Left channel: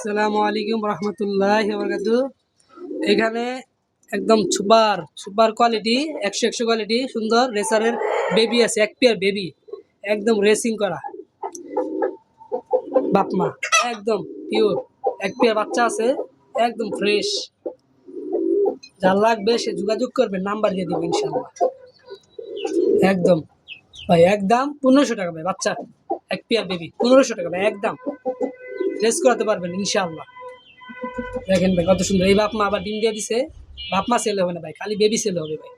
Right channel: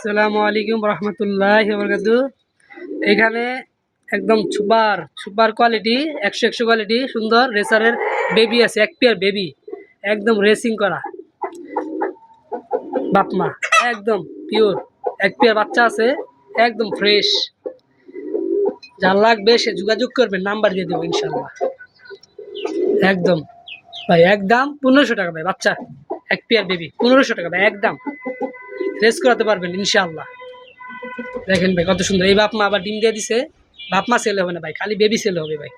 আসসালামু আলাইকুম রহমতুল্লাহ বরকাতু। এখানে একদম সুপার সুপার কোয়ালিটি 100 কোয়ালিটি সুন্দর রেসারের বেবি আছে, এক পেয়ার বেবি একদম রেসিং করা বাপমা, একদম পিওর এক পেয়ার বাচ্চা আছে, একদম ফ্রেশ। যার লাগবে সে যোগাযোগ করবেন, নাম্বার দিয়ে দেবো ইনশাল্লাহ। একদম ভাই একদম 1500 টাকা ভাই, বাচ্চা এক পেয়ার বেবি 1500 টাকা ভাই, একদম রেস করাতে পারবেন ইনশাআল্লাহ। দেখেন ভাই কত সুন্দর, এই বাপ মা আবার ডিম দিয়ে দিছে। বাপ মা সেল হবে না ভাই, খালি বেবি সেল হবে ভাই।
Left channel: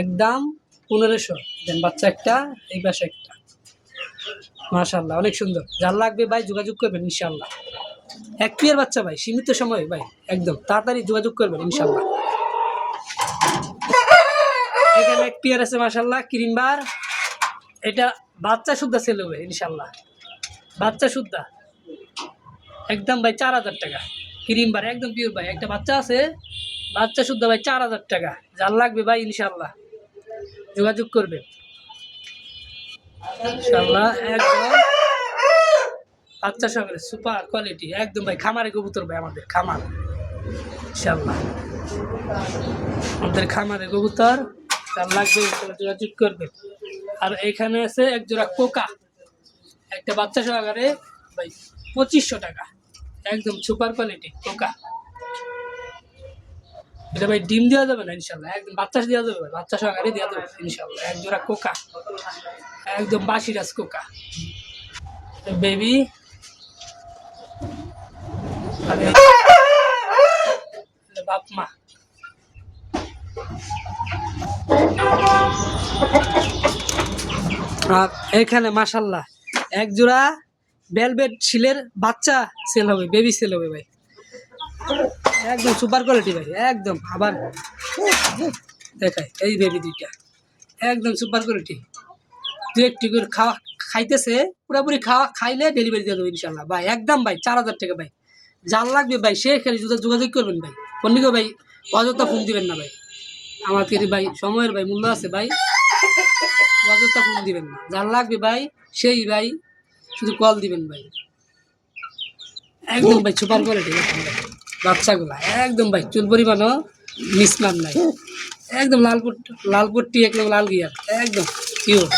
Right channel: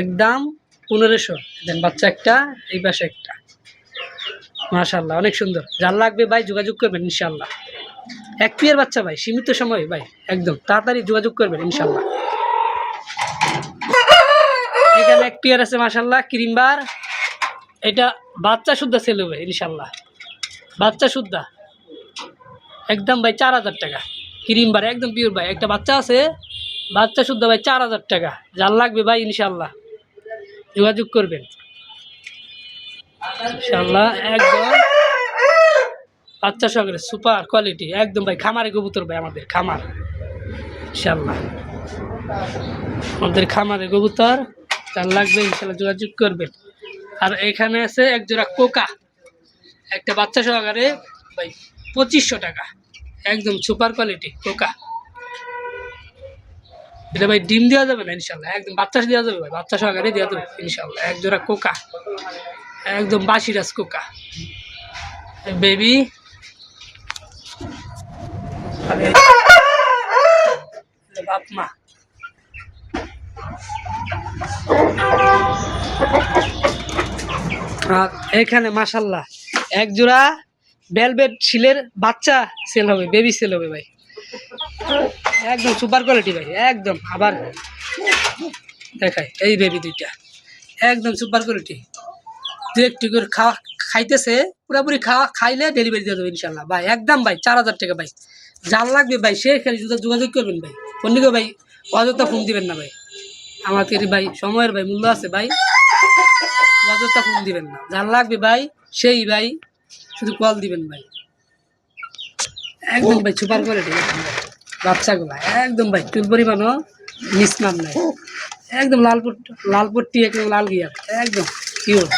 একদম 1500 দেন, বাচ্চা একটা, এই পাশে একটা, মাশাআল্লাহ অনেক সুন্দর। যার লাগবে ভাই যোগাযোগ করবেন ইনশাআল্লাহ। এক পেয়ার বাচ্চা ভাই, সীমিত সময় ভাই, একদম তাড়াতাড়ি যোগাযোগ করবেন ইনশাআল্লাহ। এখানে এক পেয়ার আছে মাশাআল্লাহ ক্রিমবার, এটা বাচ্চা শুদ্ধা সেল হবে ইনশাআল্লাহ, বাচ্চা শুদ্ধা একদম ভাই 4000 টাকা। ক্রিমবার একদম পিওর ভাই, একটা বাচ্চা আছে, বাচ্চা শুদ্ধ ভাই 4000 টাকা। যার লাগবে ভাই ইনশাআল্লাহ যোগাযোগ করবেন ইনশাআল্লাহ। একদম বাচ্চা সহকারে সুপার কোয়ালিটি একদম ভাই, খামারে কবুতর ভাই, আমাদের খামার ইনশাআল্লাহ, আমাদের খামারে কবুতর। যার লাগবে ইনশাআল্লাহ যোগাযোগ করবেন। আর এখানে আছে এক জোড়া কোকা, একটা বাচ্চা সহকারে ভাই 2500 টাকা, একদম সুপার কোয়ালিটি কোকা। এটা ভাই ডিম দেওয়া যাবে না ইনশাল্লাহ, একদম বাচ্চা দেওয়া যাবে ভাই, বাচ্চা সহকারে দেওয়া যাবে ইনশাল্লাহ। এক জোড়া কোকা, একদম বাসিরাজ কোকা বেবি। বাপ মা আর এখানে মাশাল্লাহ এক জোড়া ভেলভেট শিলের বাচ্চা সেল হবে, বেবি সেল হবে ভাই, একদম সুপার কোয়ালিটি ভাই একদম। আবার দেখায় এই বেবি দুইটা একদম সুপার কোয়ালিটি, দু একটি করে খাওয়া খাইতেছে, পুরোপুরি খাওয়া খাইলে ডেলিভারি দিয়ে দেবো ইনশাল্লাহ ভাই। একদম ভাই 4000 টাকা ভাই। যার লাগবে ভাই সে খালি যোগাযোগ করবেন ভাই, অন্যকে ভাই অযথা ফোন দিবেন না ভাই, আমাদের ভাই সময়ের ভাই মূল্য আছে ভাই, অযথা ফোন দিবেন না। যার লাগবে ভাই সেই ভাই শুধু কল দিবেন ভাই, একদম ভাই সুপার কোয়ালিটি বাচ্চাগুলা, একদম ভাই চুল পরিমাণও মিসমার নাই, একদম লাল পট্টি একদম লাল গিয়ার, একদম পিওর।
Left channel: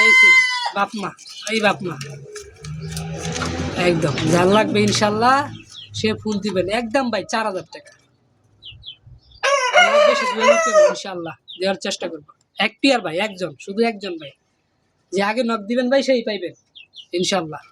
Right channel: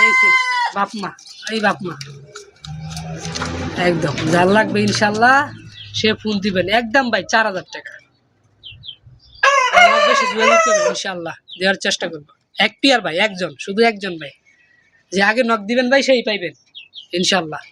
এই বাপমা, এই বাপমা একদম। যার লাগবে ইনশাল্লাহ সে ফোন দিবেন, একদম ভাই 4000 টাকা। যার লাগবে সে যোগাযোগ করবেন ইনশাল্লাহ, দেওয়ার চেষ্টা করবো। এক পেয়ার ভাই, একজন, শুধু একজন ভাই, যে আগে নক দিবেন ভাই সেই পাইবেন ইনশাল্লাহ।